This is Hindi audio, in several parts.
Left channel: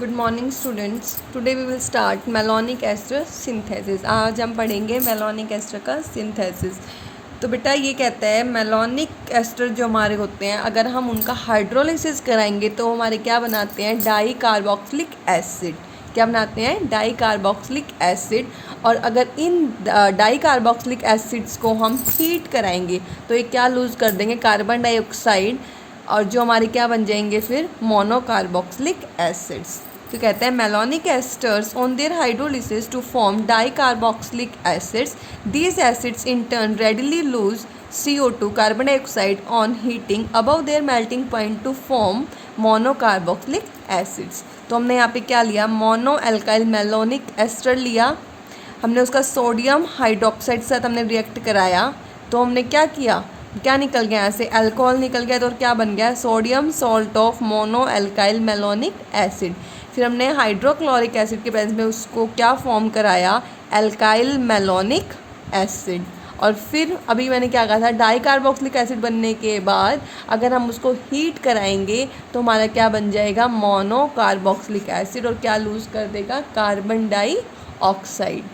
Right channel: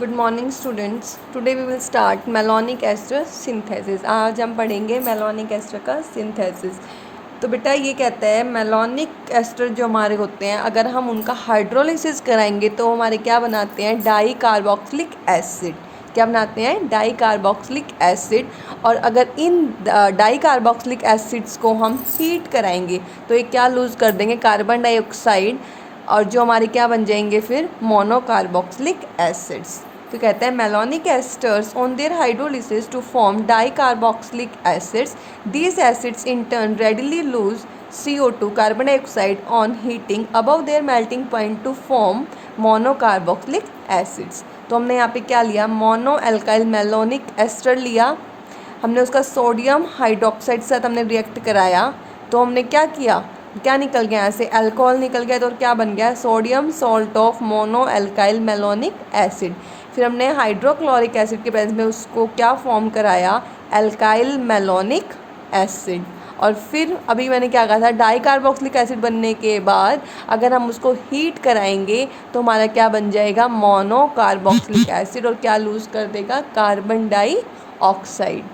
Good morning students. Today we will start malonic ester synthesis. आज हम पढ़ेंगे मेलोनिक एस्टर का सिंथेसिस। तो बेटा ये कहता है मेलोनिक एस्टर जो हमारे होते हैं, अगर हम उनका हाइड्रोलिसिस कराएंगे तो हमारे क्या बनाते हैं, डाई कार्बोक्सिलिक एसिड। क्या बनाते हैं, डाई कार्बोक्सिलिक एसिड। और अगर इन डाई कार्बोक्सिलिक एसिड्स को हम हीट कराएंगे तो ये क्या लूज़ कर देंगे, कार्बन डाइऑक्साइड, और जो हमारे क्या बन जाएंगे फिर मोनोकार्बोक्सिलिक एसिड्स। तो कहते हैं malonic esters on their hydrolysis to form dicarboxylic acids, these acids in turn readily lose CO2 carbon dioxide on heating above their melting point to form monocarboxylic acids. तो हमने यहाँ पे क्या लिया, मोनो एल्काइल मेलोनिक एस्टर लिया, हमने उसका सोडियम हाइड्रोक्साइड के साथ हमने रिएक्ट कराया, तो हमने क्या किया, क्या निकल गया, ऐसे अल्कोहल निकल गया, तो क्या बन गया, sodium salt of mono alkyl malonic acid. फिर हमने हाइड्रोक्लोरिक एसिड के प्रेजेंस में उसको क्या फॉर्म कराया, एल्काइल मेलोनिक एसिड। और फिर अभी मैंने क्या कहा था, डाई कार्बोक्सिलिक एसिड बनने के बाद अगर हम उसको हीट कराएंगे तो हमारा क्या बन जाएगा, मोनो कार्बोक्सिलिक एसिड, और क्या लूज़ कर देगा, कार्बन डाइऑक्साइड।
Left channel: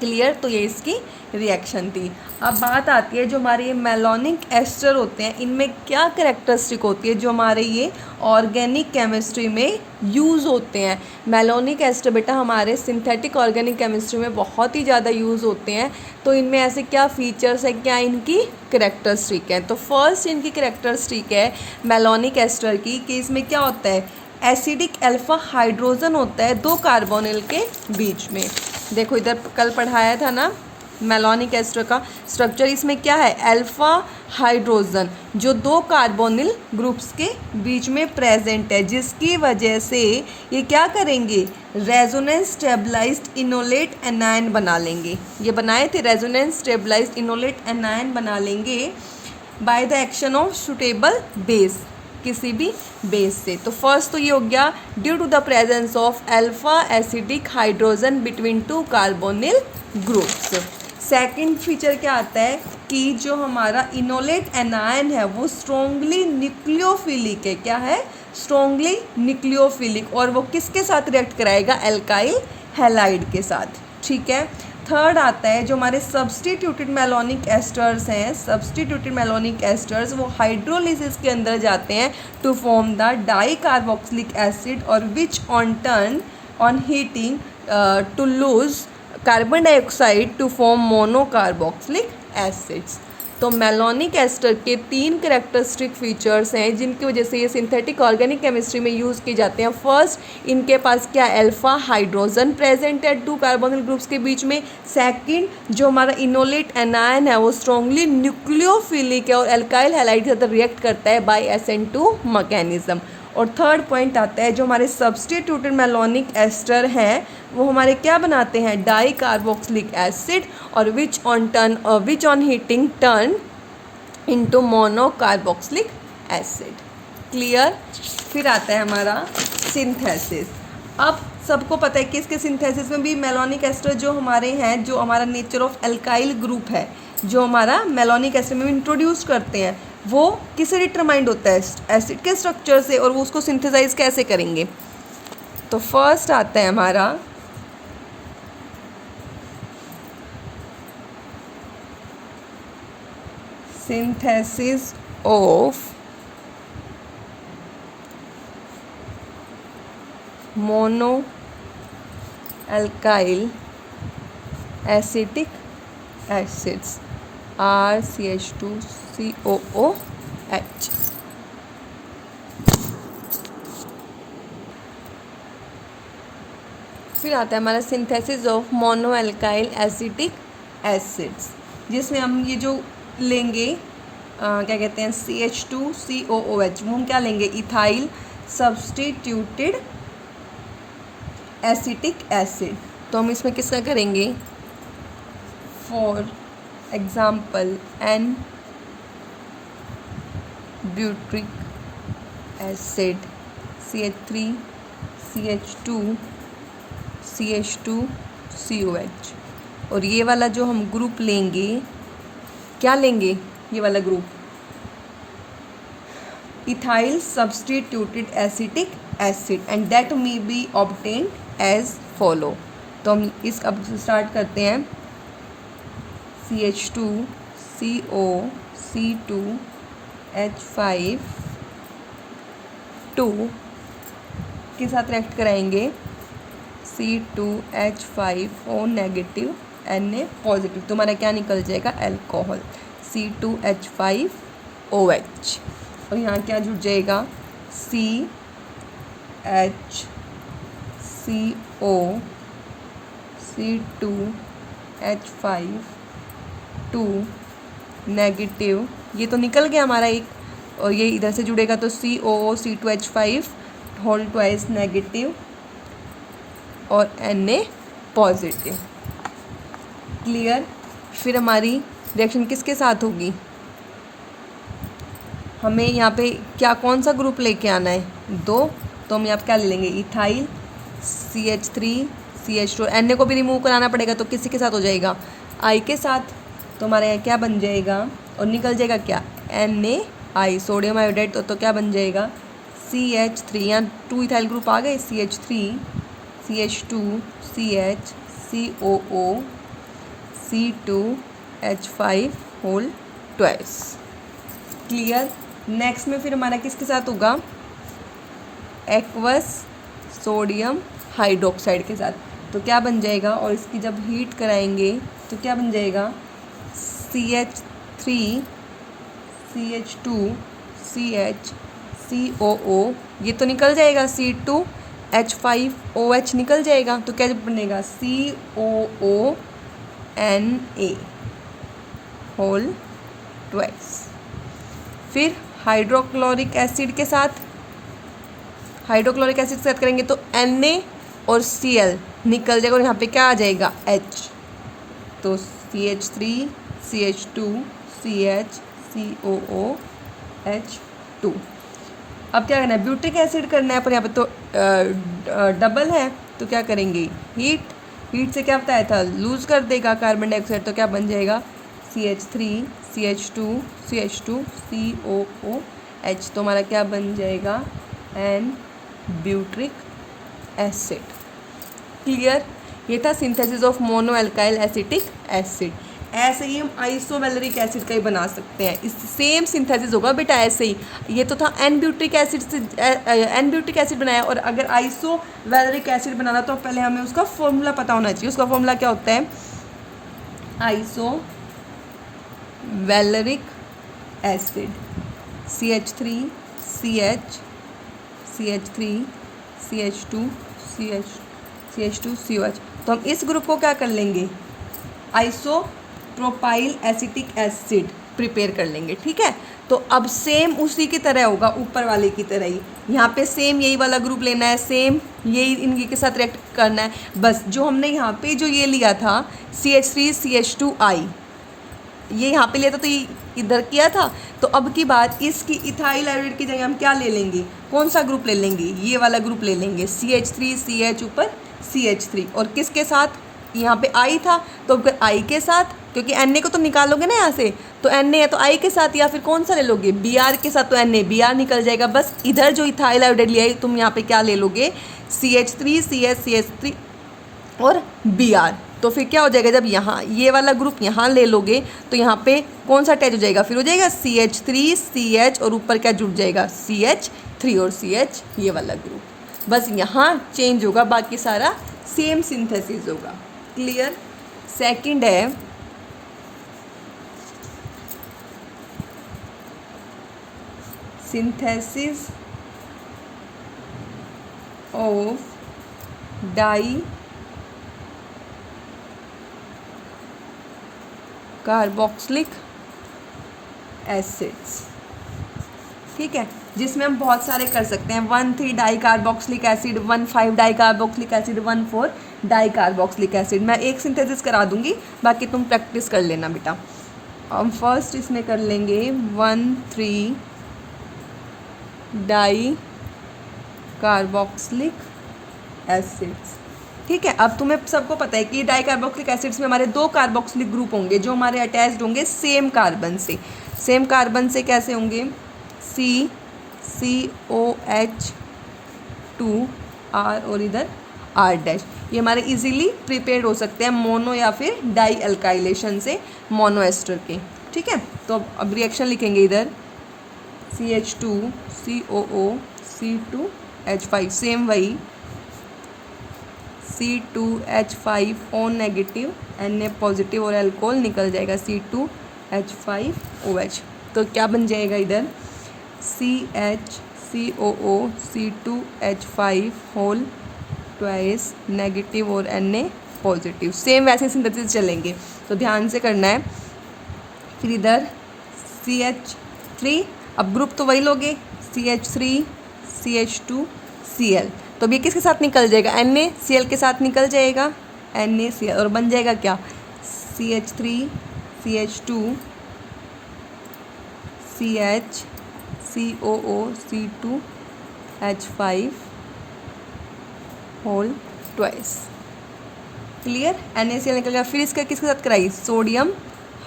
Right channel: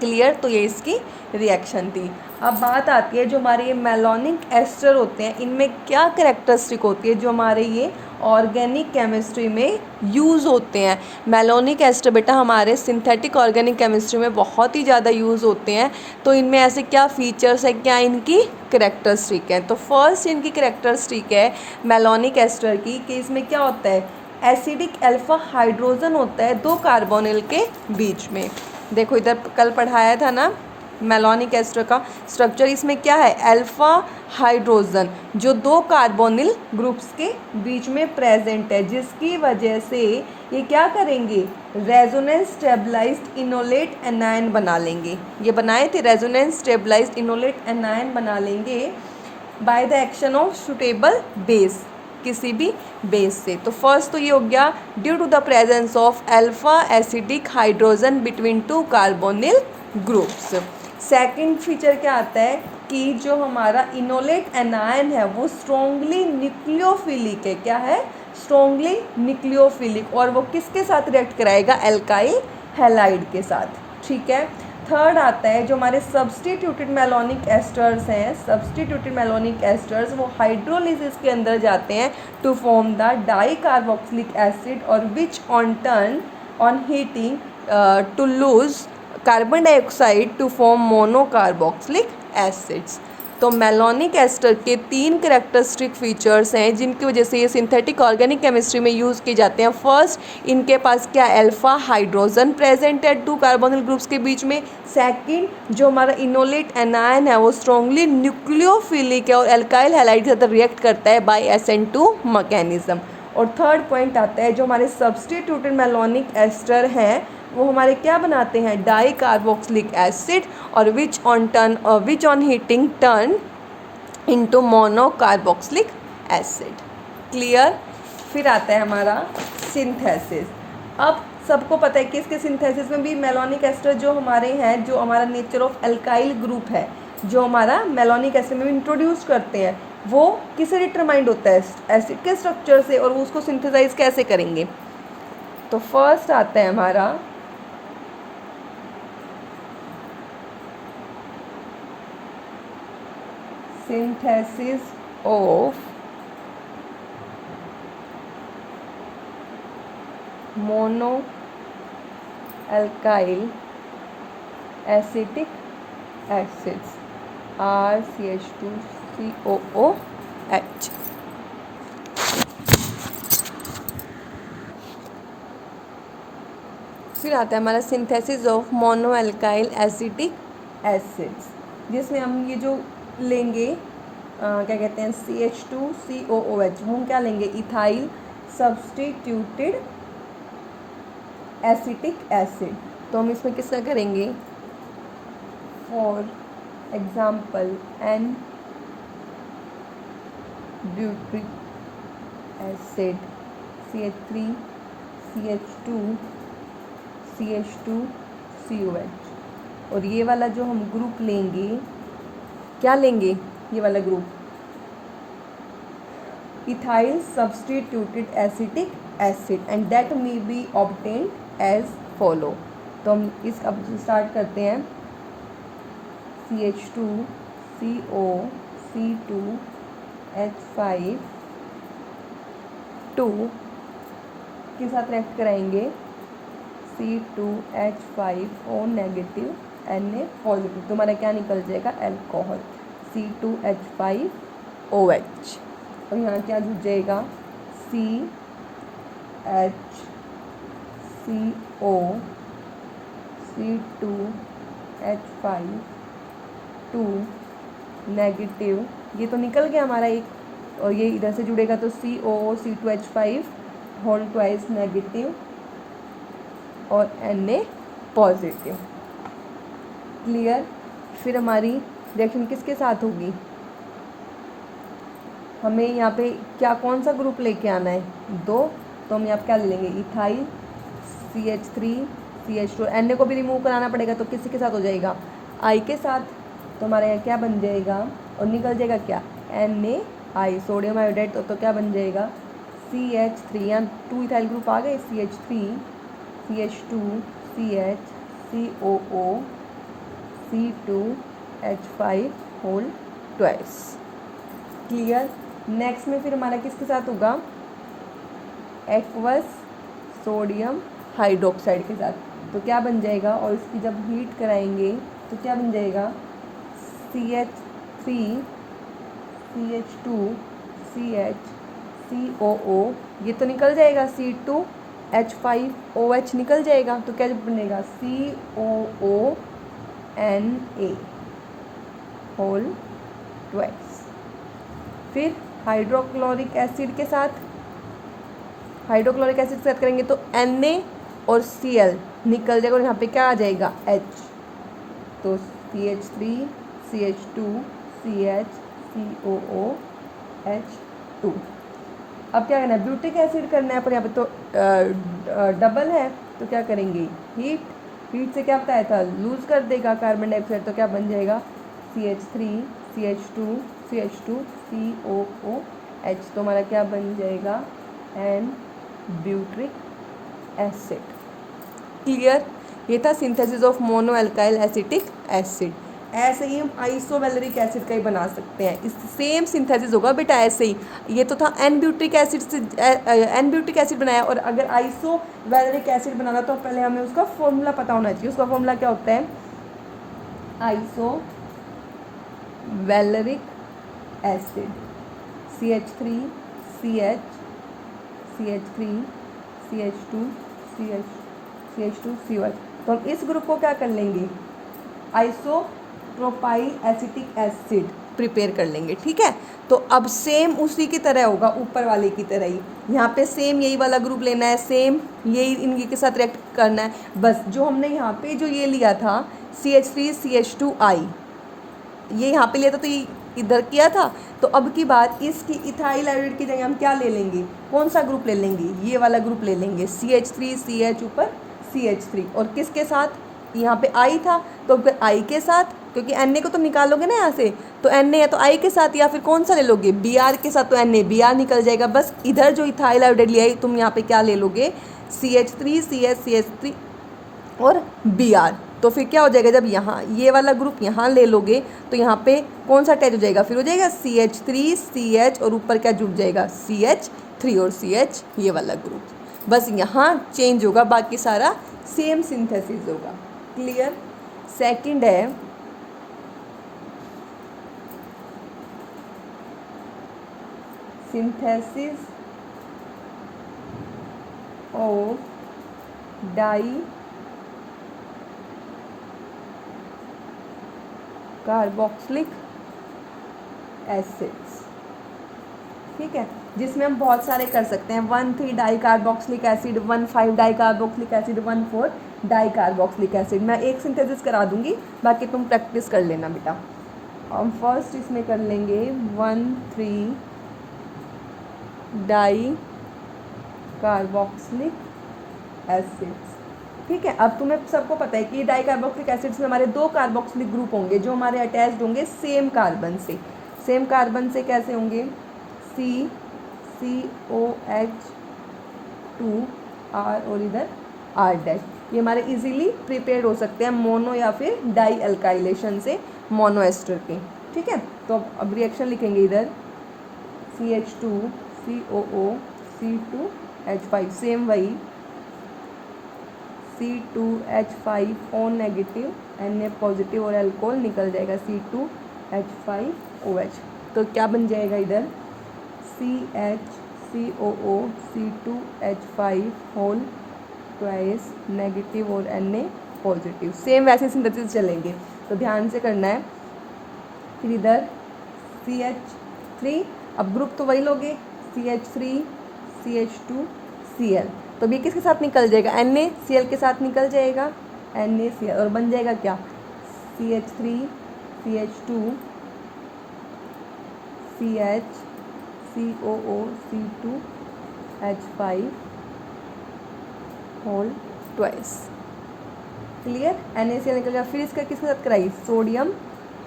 क्लियर। तो ये इसकी रिएक्शन थी। अब बात आती है जो हमारे ये मेलोनिक एस्टर होते हैं, इनमें क्या कैरेक्टरिस्टिक होती है जो हमारे ये ऑर्गेनिक केमिस्ट्री में यूज़ होते हैं। मेलोनिक एस्टर बेटा हमारे सिंथेटिक ऑर्गेनिक केमिस्ट्री में बहुत ही ज़्यादा यूज़ होते हैं। तो इनमें ऐसे क्या फीचर्स है, क्या इनकी कैरेक्टरिस्टिक है। तो फर्स्ट इनकी कैरेक्टरिस्टिक है मेलोनिक एस्टर की कि इसमें क्या होता है, एसिडिक अल्फा हाइड्रोजन होता है दो कार्बोनिल के बीच में। देखो इधर कल पढ़ाया था ना मेलोनिक एस्टर का स्ट्रक्चर, इसमें क्या है, अल्फा हाइड्रोजन जो दो कार्बोनिल ग्रुप्स के बीच में प्रेजेंट है, जिसकी वजह से ये क्या करेंगे, रेजोनेंस स्टेबलाइज्ड इनोलेट एनायन बना लेंगे। ये बनाए थे, रेजोनेंस स्टेबलाइज्ड इनोलेट एनायन बना लेंगे by the action of suitable base, किसी भी बेस से। तो फर्स्ट तो ये हो गया, due to the presence of alpha acidic hydrogen between two carbonyl groups. Second feature क्या आता है कि जो हमारा इनोलेट एनायन है वो स्ट्रोंगली न्यूक्लियोफिलिक है। क्या है, स्ट्रोंगली न्यूक्लियोफिलिक, और वो किसके साथ रिएक्ट कराएगा, एल्काइल हैलाइड के साथ। ठीक है। थर्ड आता है जो हमारे सब्सटीट्यूटेड मेलोनिक एस्टर्स हैं, सब्सटीट्यूटेड मेलोनिक एस्टर्स वो हाइड्रोलिसिस के अंदर जाते हैं to form the di carboxylic acid, और which on turn on heating to lose carbon dioxide to form monocarboxylic acids. तो मेलोनिक एस्टर के तीन कैरेक्टरिस्टिक फीचर्स हैं जिनकी वजह से ये सिंथेटिक ऑर्गेनिक केमिस्ट्री में यूज़ किए जाते हैं। फर्स्ट, इनके पास क्या, अल्फा हाइड्रोजन प्रेजेंट है टू कार्बोनिल ग्रुप्स के बीच में। सेकंड, जो हमारा इनोलेट एनायन है वो स्ट्रॉन्गली न्यूक्लियोफिलिक है और एल्काइल हैलाइड के साथ रिएक्ट करता है बाय SN2 मैकेनिज्म। और थर्ड पॉइंट आता है जो हमारे सब्सटीट्यूटेड मेलोनिक एस्टर हैं वो हमारे क्या बनाते हैं, डाई कार्बोक्सिलिक एसिड, और which on heating turn into monocarboxylic acid. Clear. फिर आता है हमारा सिंथेसिस। अब सबको पता है कि इसके सिंथेसिस में भी मेलोनिक एस्टर जो हमारे हैं, जो हमारा नेचर ऑफ एल्काइल ग्रुप है जो हमारा मेलोनिक एस्टर में इंट्रोड्यूस करते हैं, वो किससे डिटरमाइंड होता है, एसिड के स्ट्रक्चर से, और वो उसको सिंथेसाइज कैसे करेंगे। तो फर्स्ट आता है हमारा synthesis of mono alkyl acetic acids RCH2COOH। फिर आता है हमारा synthesis of mono alkyl acetic acids, जिसमें हम ये जो लेंगे क्या कहते हैं, CH2COOH, वो हम क्या लेंगे, इथाइल सब्सटीट्यूटेड एसिटिक एसिड। तो हम इसमें किसका करेंगे, for example N butyric acid, CH3 CH2 CH2COH। और ये वाला जो हम ग्रुप लेंगे, क्या लेंगे, ये वाला group ethyl substituted acetic acid and that may be obtained as follow. तो हम इस अब स्टार्ट करते हैं। CH2 CO C2 H5 2 के साथ रिएक्ट कराएंगे C2H5O नेगेटिव Na पॉजिटिव, तो हमारा क्या निकल जाएगा अल्कोहल C2H5OH। और यहाँ क्या जुड़ जाएगा CHCO C2H5 2 नेगेटिव, ये तो निकल गया हमारा एक, और ये इधर से जुड़ेगा तो COO C2H5 whole twice negative और Na पॉजिटिव। क्लियर। फिर हमारी रिएक्शन किसके साथ होगी, हमें यहाँ पे क्या कौन सा ग्रुप लेके आना है, 2, तो हम यहाँ पे क्या ले लेंगे इथाइल CH3 CH2, Na को भी रिमूव कराना पड़ेगा तो किसी के साथ हो जाएगा I के साथ, तो हमारे यहाँ क्या बन जाएगा और निकल जाएगा क्या NaI सोडियम आयोडाइड, तो क्या बन जाएगा CH3, यहाँ 2 इथाइल ग्रुप आ गए CH3 CH2 CH COO C2H5 whole twice. Clear. Next में फिर हमारा किसके साथ होगा एक्वस सोडियम हाइड्रोक्साइड के साथ, तो क्या बन जाएगा, और इसकी जब हीट कराएंगे तो क्या बन जाएगा CH3 CH2 CH COO, ये तो निकल जाएगा C2H5OH निकल जाएगा, तो क्या बनेगा COONA होल ट्वाइस। फिर हाइड्रोक्लोरिक एसिड के साथ करेंगे तो Na और Cl निकल जाएगा, और यहाँ पे क्या आ जाएगा H, तो CH3 CH2 CH COO H2। अब क्या करना है, ब्यूटिक एसिड करना है, पर यहाँ पे तो डबल है, तो क्या करेंगे हीट से क्या बताया था लूज कर देगा कार्बन डाइऑक्साइड, तो क्या बन जाएगा CH3 CH2 CH2 COOH, तो हमारा क्या बन जाएगा N ब्यूट्रिक एसिड। क्लियर। ये था synthesis of mono alkyl acetic acid. ऐसे ही हम आइसोवैलेरिक एसिड का ही बना सकते हैं, इस सेम सिंथेसिस होगा बेटा ऐसे ही। ये तो था एन ब्यूट्रिक एसिड बनाया, और अगर आइसोवैलेरिक एसिड बनाना तो पहले हमें उसका फॉर्मूला पता होना चाहिए। उसका फॉर्मूला क्या होता है, आइसोवैलेरिक acid CH3 CH CH3 CH2 CH2 COH, तो हम इस ग्रुप को क्या कर लेंगे आइसोप्रोपाइल एसिटिक एसिड प्रिपेयर कर लेंगे। ठीक है, तो अब सेम उसी की तरह होगा, ऊपर वाले की तरह ही यहाँ पे सेम यही वाला ग्रुप लेना है, सेम यही इनके के साथ रिएक्ट करना है। बस जो हमने यहाँ पे जो ये लिया था CH3 CH2I, ये यहाँ पे लिया था तो ये इधर किया था, तो अब की बात इसकी इथाइल आयोडाइड की जगह हम क्या ले लेंगे, कौन सा ग्रुप ले लेंगे, ये वाला ग्रुप ले लेंगे CH3 CH ऊपर CH3, और किसके साथ यहाँ पे I था तो फिर I के साथ, क्योंकि Na को तो निकालोगे ना यहाँ से, तो Na है तो I के साथ, या फिर कौन सा ले लोगे Br के साथ, तो Na Br निकल जाएगा। बस इधर जो इथाइल आयोडाइड लिया है तुम यहाँ पे क्या ले लोगे CH3 CH CH3 और Br, तो फिर क्या हो जाएगा जब यहाँ ये वाला ग्रुप यहाँ ले लोगे तो यहाँ पे कौन सा अटैच हो जाएगा, फिर हो जाएगा CH3 CH और ऊपर क्या जुड़ जाएगा CH3 और CH ये वाला ग्रुप। बस यहाँ चेंज होगा, बाकी सारा सेम सिंथेसिस होगा। क्लियर। सेकंड है synthesis of di carboxylic acids. ठीक है, जिसमें हम बहुत सारे कर सकते हैं, 1,3 die carboxylic acid, 1,5 die carboxylic acid, 1,4 die carboxylic acid. मैं एक सिंथेसिस करा दूंगी, बाकी तुम प्रैक्टिस कर लेना बेटा। हम फर्स्ट इसमें कर लेंगे 1,3 डाई कार्बोक्सिलिक एसिड्स। ठीक है, अब तुम्हें सबको पता है कि डाई कार्बोक्सिलिक एसिड्स में हमारे 2 कार्बोक्सिलिक ग्रुप होंगे जो हमारे अटैच्ड होंगे सेम कार्बन से। सेम कार्बन से कैसे होंगे COH2 R और इधर R डैश। ये हमारे इजीली प्रिपेयर्ड हो सकते हैं मोनो या फिर डाई अल्काइलेशन से मोनो एस्टर के। ठीक है, तो अब रिएक्शन लिखेंगे इधर CH2 COO C2H5, सेम वही C2H5 O negative Na positive और अल्कोहल निकल जाएगा C2H5OH। तो क्या बन जाएगा इधर CHCOO C2H5 whole twice negative और Na पॉजिटिव। सेम वैसे सिंथेसिस चलेंगे, तो ध्यान से करना है। फिर इधर CH3, अब ग्रुप तो वही लोगे CH3 CH2 Cl, तो अभी किसके साथ निकल जाएगा NaCl के साथ निकल जाएगा NaCl और बन जाएगा क्या CH3 CH2 CH COO C2H5 whole twice. Clear, NaCl निकल गया। फिर इसका किसके साथ कराई सोडियम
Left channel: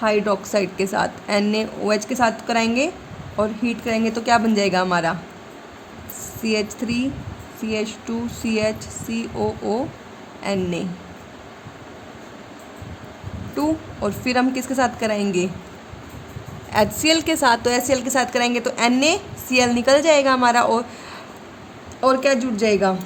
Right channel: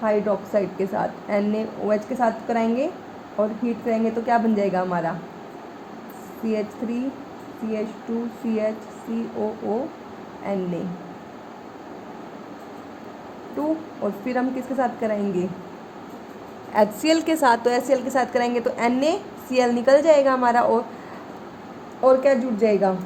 हाइड्रोक्साइड के साथ NaOH के साथ कराएंगे और हीट करेंगे तो क्या बन जाएगा हमारा CH3 CH2 CH COO Na2। और फिर हम किसके साथ कराएंगे HCl के साथ, तो HCl के साथ कराएंगे तो NaCl निकल जाएगा हमारा और क्या जुड़ जाएगा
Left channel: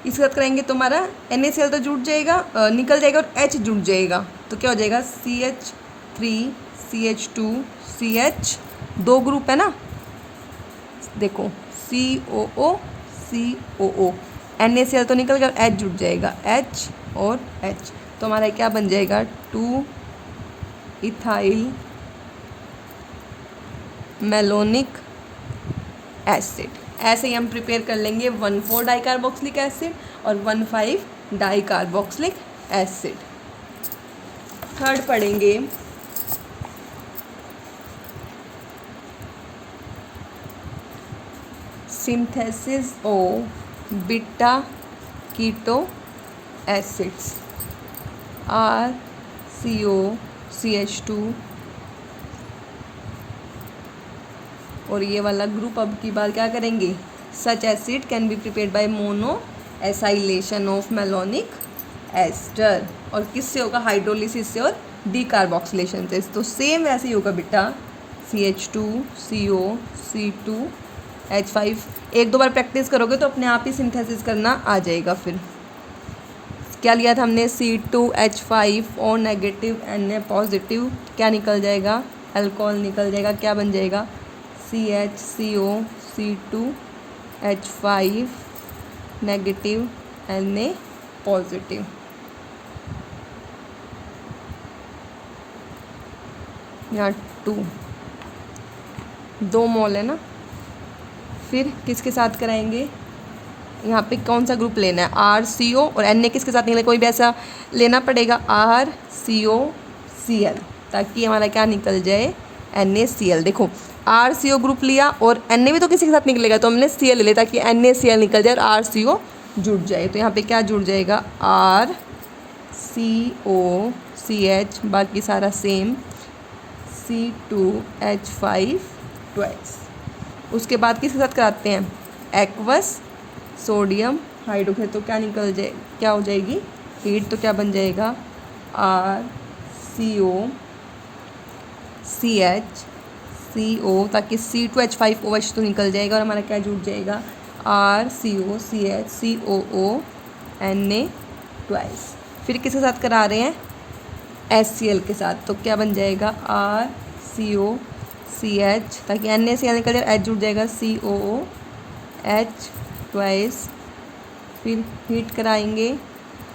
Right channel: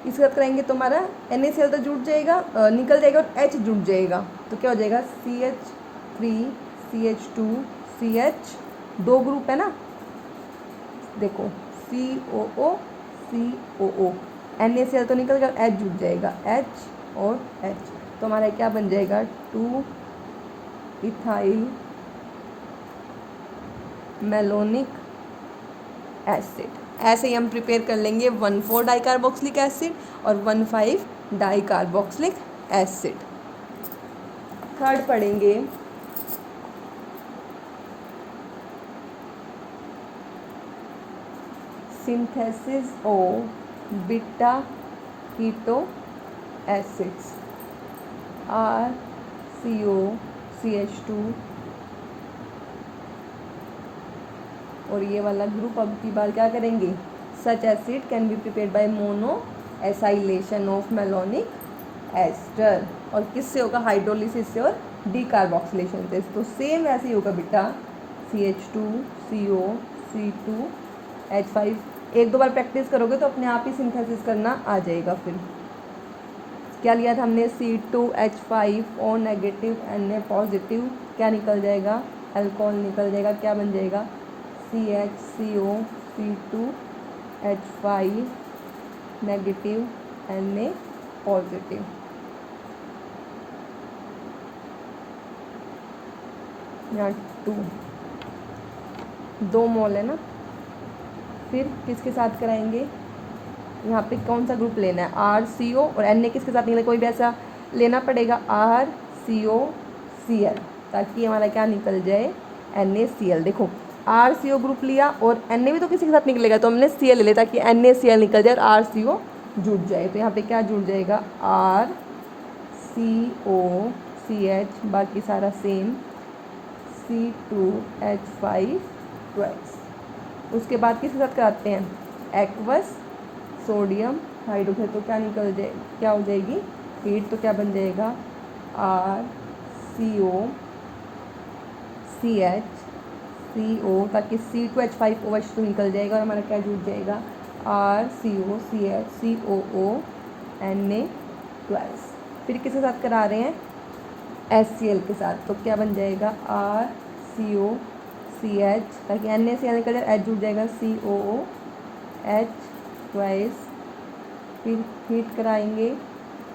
इसके साथ कराएंगे तो हमारा NaCl तो जुड़ जाएगा निकल जाएगा और H जुड़ जाएगा, तो क्या हो जाएगा CH3 CH2 CH, दो ग्रुप है ना, देखो COO COO NaCl तो निकल गया, H जुड़ जाएगा H और H, तो हमारा क्या बन जाएगा 2 इथाइल मेलोनिक एसिड। ऐसे ही हम प्रिपेयर कर लेंगे 1,4 डाइकार्बोक्सिलिक एसिड और 1,5 डाइकार्बोक्सिलिक एसिड। थर्ड पढ़ेंगे synthesis of beta keto acids RCOCH2 और ये वाला ग्रुप अब की बार क्या करेंगे such acid can be prepared by mono acylation of malonic ester, और किससे होगा हाइड्रोलिसिस से और डीकार्बोक्सिलेशन से। तो सेम वैसे ही होगा बेटा CH2 CO C2H5, एक दो बार प्रैक्टिस करोगे तो अपने आप ही सिंथेसिस करना आ जाएगा। फिर क्या लिया था हमने C2H5 O negative Na positive, क्या निकल जाएगा अल्कोहल निकल जाएगा, क्या बन जाएगा CHCO C2H5 negative Na positive. यहाँ 2 मोल है ना। फिर किसके साथ कराएंगे यहाँ पे कौन सा ग्रुप लेना है RCO और Na किसके साथ निकले, कोई भी ऐसा लेना पड़ेगा RCOCl, ताकि हमारा क्या निकल जाए NaCl। देखो RCO ग्रुप लिया और Na भी तो किसी के साथ निकलेगा, तो हमने Cl ले लिया ताकि NaCl निकल जाए और RCO जुड़ जाए। तो यहाँ पे क्या जुड़ जाएगा RCOCH, बाकी सारा सेम C2H5 ट्वाइस। उसके बाद किसके साथ कराते हैं एक्वस सोडियम हाइड्रोक्साइड, तो क्या निकल जाए क्या हो जाएगी हीट, तो क्या बन जाएगा RCOCH ताकि C2H5OH तो निकल जाएगा और हमारा क्या जुड़ जाएगा RCOCH Na ट्वाइस। फिर किसके साथ करा रहे हैं HCl के साथ, तो क्या बन जाएगा RCOCH ताकि NaCl निकल जाए, H जुड़ जाएगा COOH ट्वाइस। फिर हीट कराएंगे,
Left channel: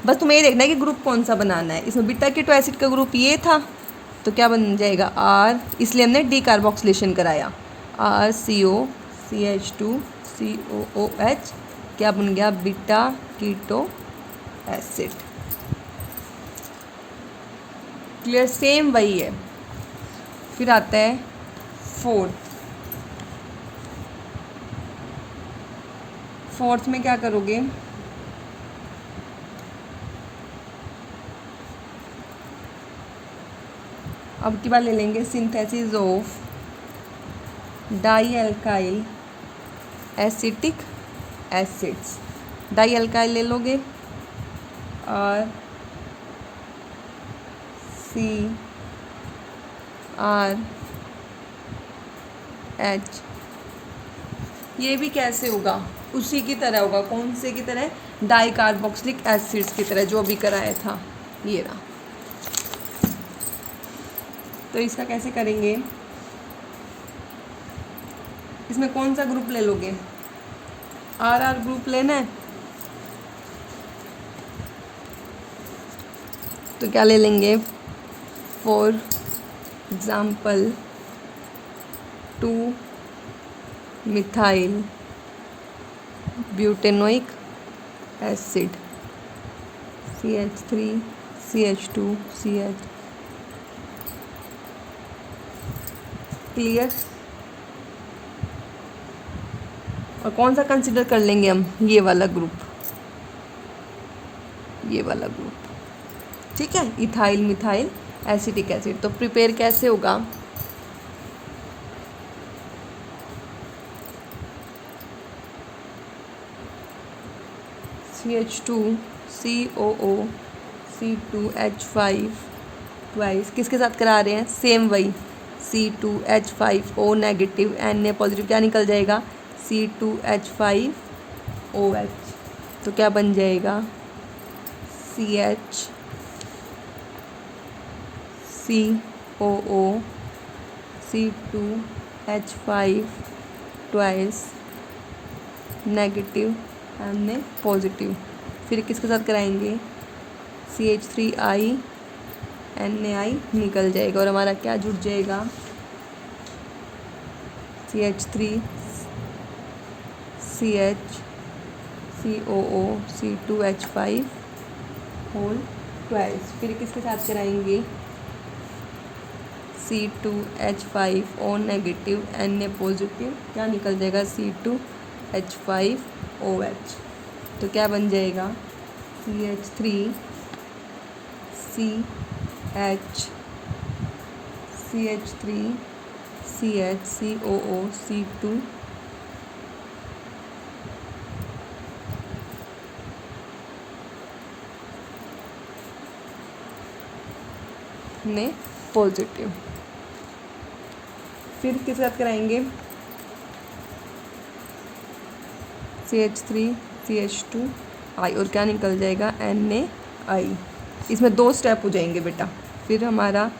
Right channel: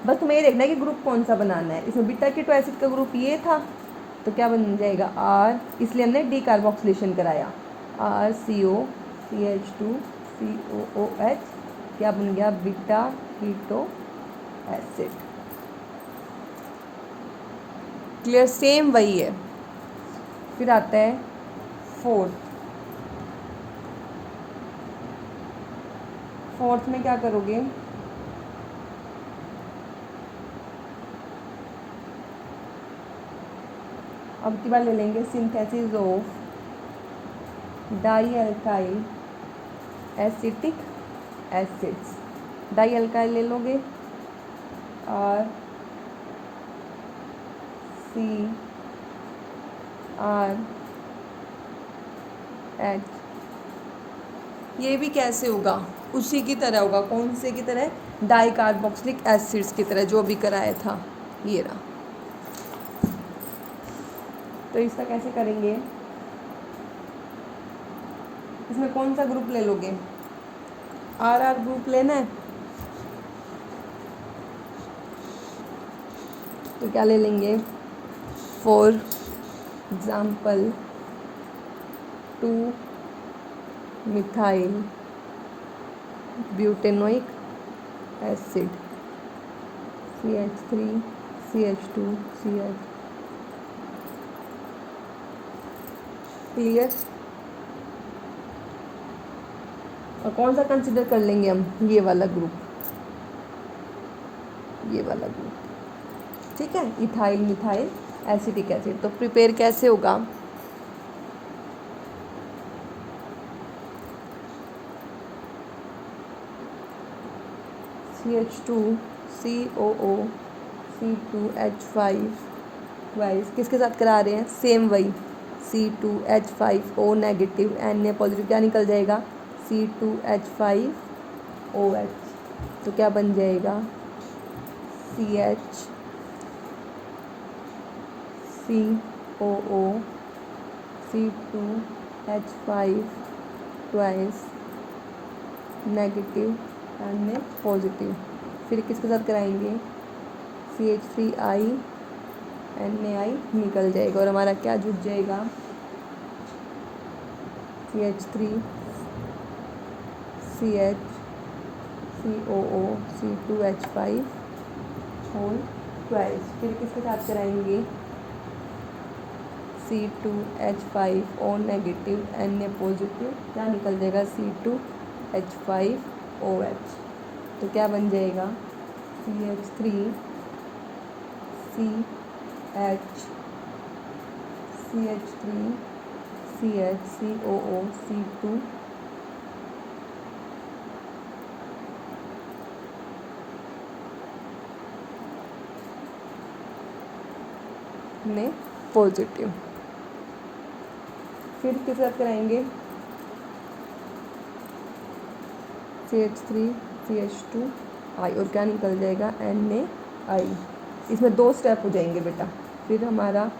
बस तुम्हें ये देखना है कि ग्रुप कौन सा बनाना है। इसमें बीटा कीटो एसिड का ग्रुप ये था, तो क्या बन जाएगा R, इसलिए हमने डीकार्बोक्सिलेशन कराया RCOCH2COOH, क्या बन गया beta keto acid. Clear, same वही है। फिर आता है फोर्थ में क्या करोगे अब की बार ले लेंगे synthesis of dialkyl acetic acids. Dialkyl ले लोगे आर सी आर एच। ये भी कैसे होगा, उसी की तरह होगा। कौन से की तरह? डाई कार्बोक्सिलिक एसिड्स की तरह, जो अभी कराया था ये रहा। तो इसका कैसे करेंगे? इसमें कौन सा ग्रुप ले लोगे? आर आर ग्रुप लेना है तो क्या ले लेंगे? For example 2 methyl butanoic acid CH3 CH2 CH। Clear? और कौन सा कंसिडर कर लेंगे हम? ये वाला ग्रुप, ये वाला ग्रुप, ठीक है, इथाइल मिथाइल एसिटिक एसिड। तो प्रिपेयर कैसे होगा? CH2 COO C2H5 वाइस किसके साथ करा रहे हैं? सेम वही C2H5O नेगेटिव, Na पॉजिटिव, क्या निकल जाएगा? C2H5OH। तो क्या बन जाएगा? CH COO C2H5 twice negative, Na positive. फिर किसके साथ कराएंगे? CH3I NaI निकल जाएगा और हमारा क्या जुड़ जाएगा? CH3 CH COO C2H5 whole twice. फिर किसके साथ कराएंगे? C2H5O नेगेटिव Na पॉजिटिव, क्या निकल जाएगा? C2H5OH। तो क्या बन जाएगा? CH3 CH CH3 CH COO C2 ने पॉजिटिव। फिर किसके साथ कराएंगे? CH3 CH2I और क्या निकल जाएगा? NaI। इसमें 2 स्टेप हो जाएंगे बेटा। फिर हमारा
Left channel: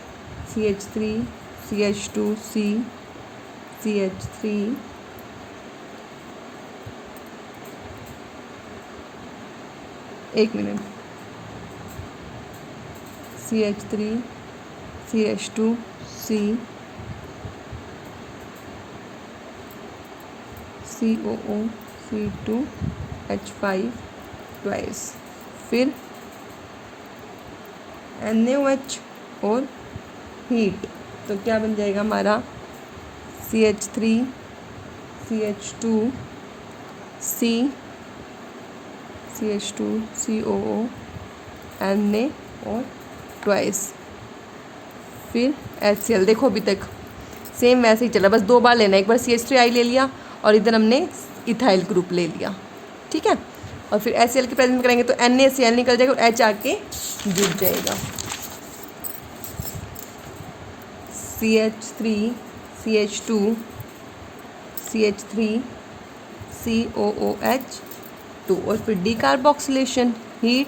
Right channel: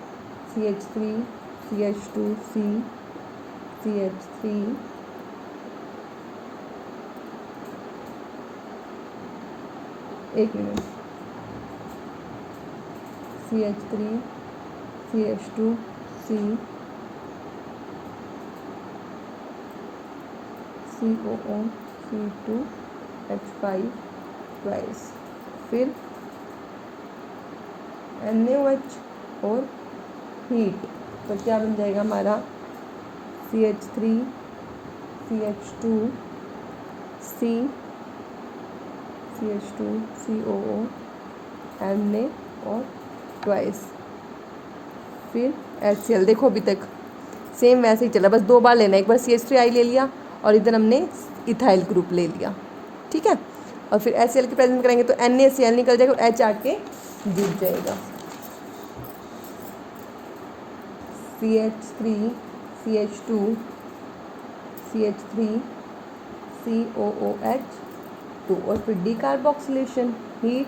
CH3 CH2C CH3 एक minute, CH3 CH2C COO C2H5 twice. फिर NaOH और हीट, तो क्या बन जाएगा हमारा? CH3 CH2C CH2 COO Na और ट्वाइस। फिर HCl। देखो अभी तक सेम वैसे ही चला, बस 2 बार लेना। एक बार CH3I ले लिया और इधर हमने इथाइल ग्रुप ले लिया, ठीक है। और फिर HCl की प्रेजेंट करेंगे तो NaCl निकल जाएगा और H आके जुड़ जाएगा। CH3 CH2 CH3 COOH2 और फिर डीकार्बोक्सिलेशन हीट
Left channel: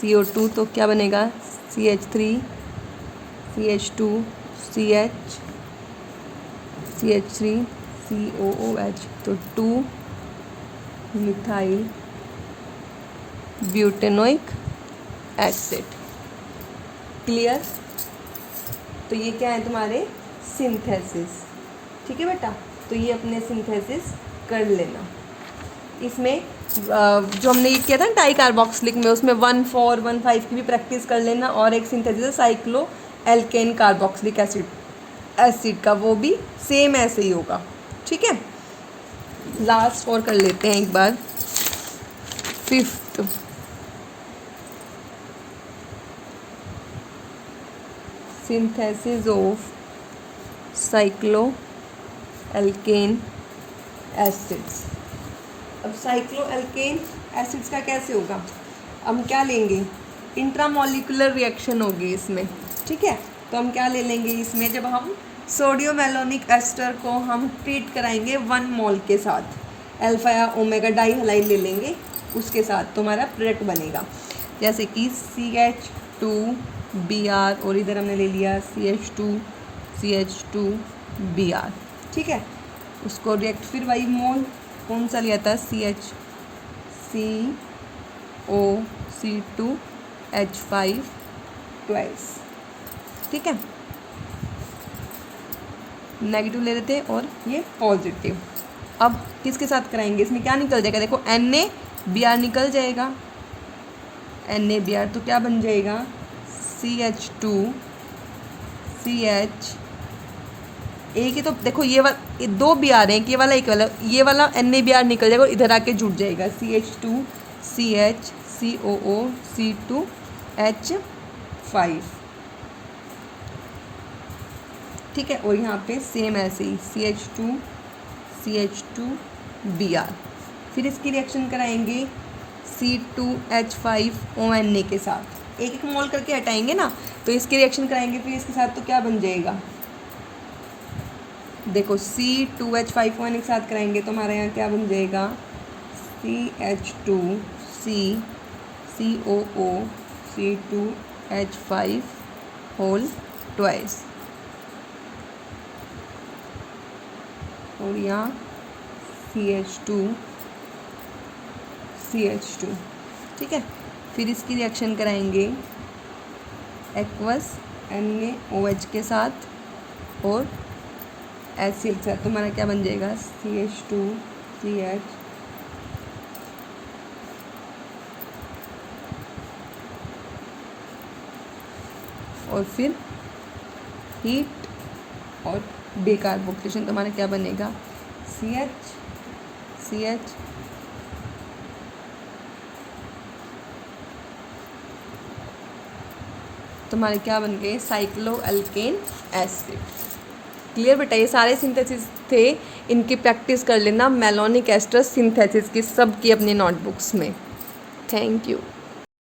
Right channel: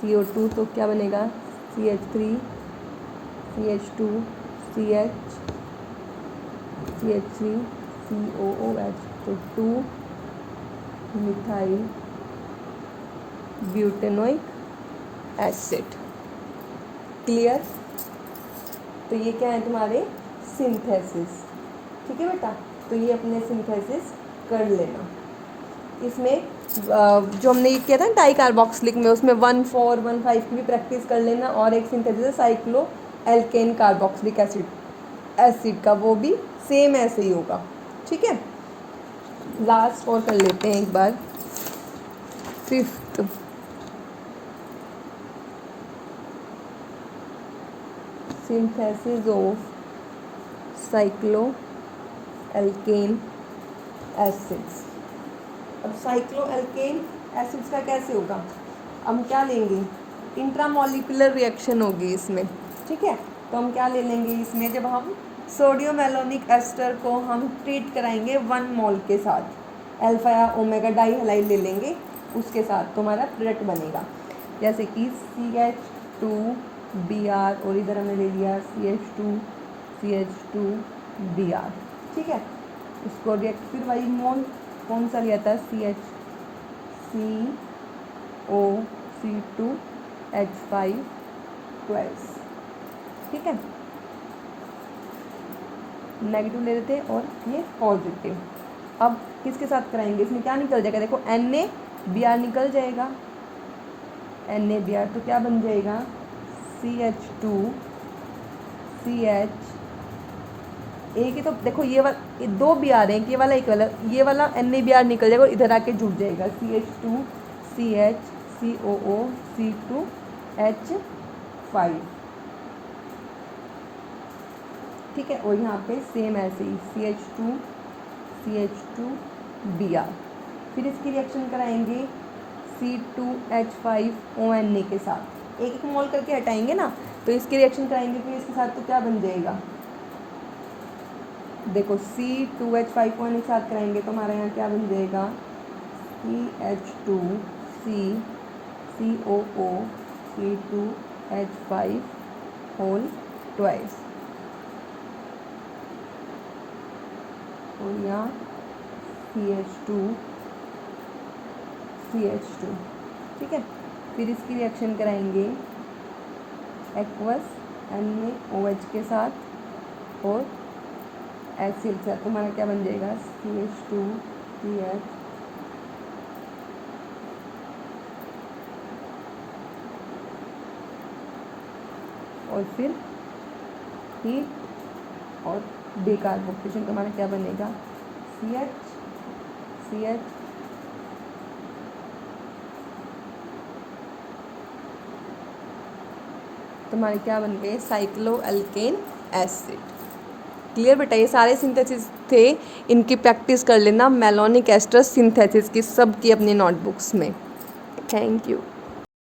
CO2, तो क्या बनेगा? CH3 CH2 CH CH3 COOH, तो 2 मिथाइल ब्यूटेनोइक एसिड। क्लियर? तो ये क्या है तुम्हारे? सिंथेसिस, ठीक है बेटा। तो ये अपने सिंथेसिस कर लेना। इसमें जो हमने ये किया था डाई कार्बोक्सिलिक में, उसमें 1,4 1,5 की भी प्रैक्टिस कर लेना। और एक सिंथेसिस है साइक्लो एल्केन कार्बोक्सिलिक एसिड का, वो भी सेम ऐसे ही होगा, ठीक है। लास्ट और कर लेते हैं एक बार, 5th synthesis of cycloalkane acids। अब साइक्लोएल्केन एसिड्स का कैसे होगा, हम क्या लेंगे, इंट्रामोलिकुलर रिएक्शन होगी इसमें, ठीक है। तो हम क्या ले लेंगे इसमें, जब हम सोडियम मेलोनिक एस्टर को हम ट्रीट कराएंगे 1 मोल के साथ, अल्फा या ओमेगा डाई हलाइड ले लेंगे, उसके साथ तुम्हारा प्रोडक्ट बनेगा, जैसे कि CH2Br और इधर हमने ले लिया CH2Br, ठीक है। उसको रिएक्ट फिर वही मोल कौन सा लिया था, CHCO2H512, ठीक है, नेगेटिव ले लेते और ये पॉजिटिव। अब किसके साथ कराएंगे, इसमें क्या निकल जाएगा, देखो NaBr निकल जाएगा, NaBr तो क्या बन जाएगा, CH2CH, एक ही तो देखो ये वाला, ये 2 Br हैं, ये वाला एक वाला, ये वाला NaBr निकल जाएगा और इधर आके जुड़ जाएगा CH2CH COO C2H5, ठीक है। और यहाँ पे सेम ऐसे ही CH2Br, फिर इसकी रिएक्शन कराएंगे C2H5ONa के साथ, एक एक मोल करके हटाएंगे ना, तो इसकी रिएक्शन कराएंगे फिर इसके साथ, तो क्या बन जाएगा, देखो C2H5ONa के साथ कराएंगे तो हमारे यहाँ क्या बन जाएगा, CH2COOC2H5 और यहाँ CH2, ठीक है। फिर इसकी रिएक्शन कराएंगे एक्वस NaOH के साथ और एसिड के साथ, तुम्हारा क्या बन जाएगा, CH2CH और फिर हीट और डिकार्बोक्सिलेशन, तुम्हारा क्या बनेगा, CH तुम्हारे क्या बन गए, साइक्लोएल्केन एसिड। क्लियर बेटा, ये सारे सिंथेसिस थे, इनकी प्रैक्टिस कर लेना मेलोनिक एस्टर सिंथेसिस की, सब की अपनी नोटबुक्स में। Thank you.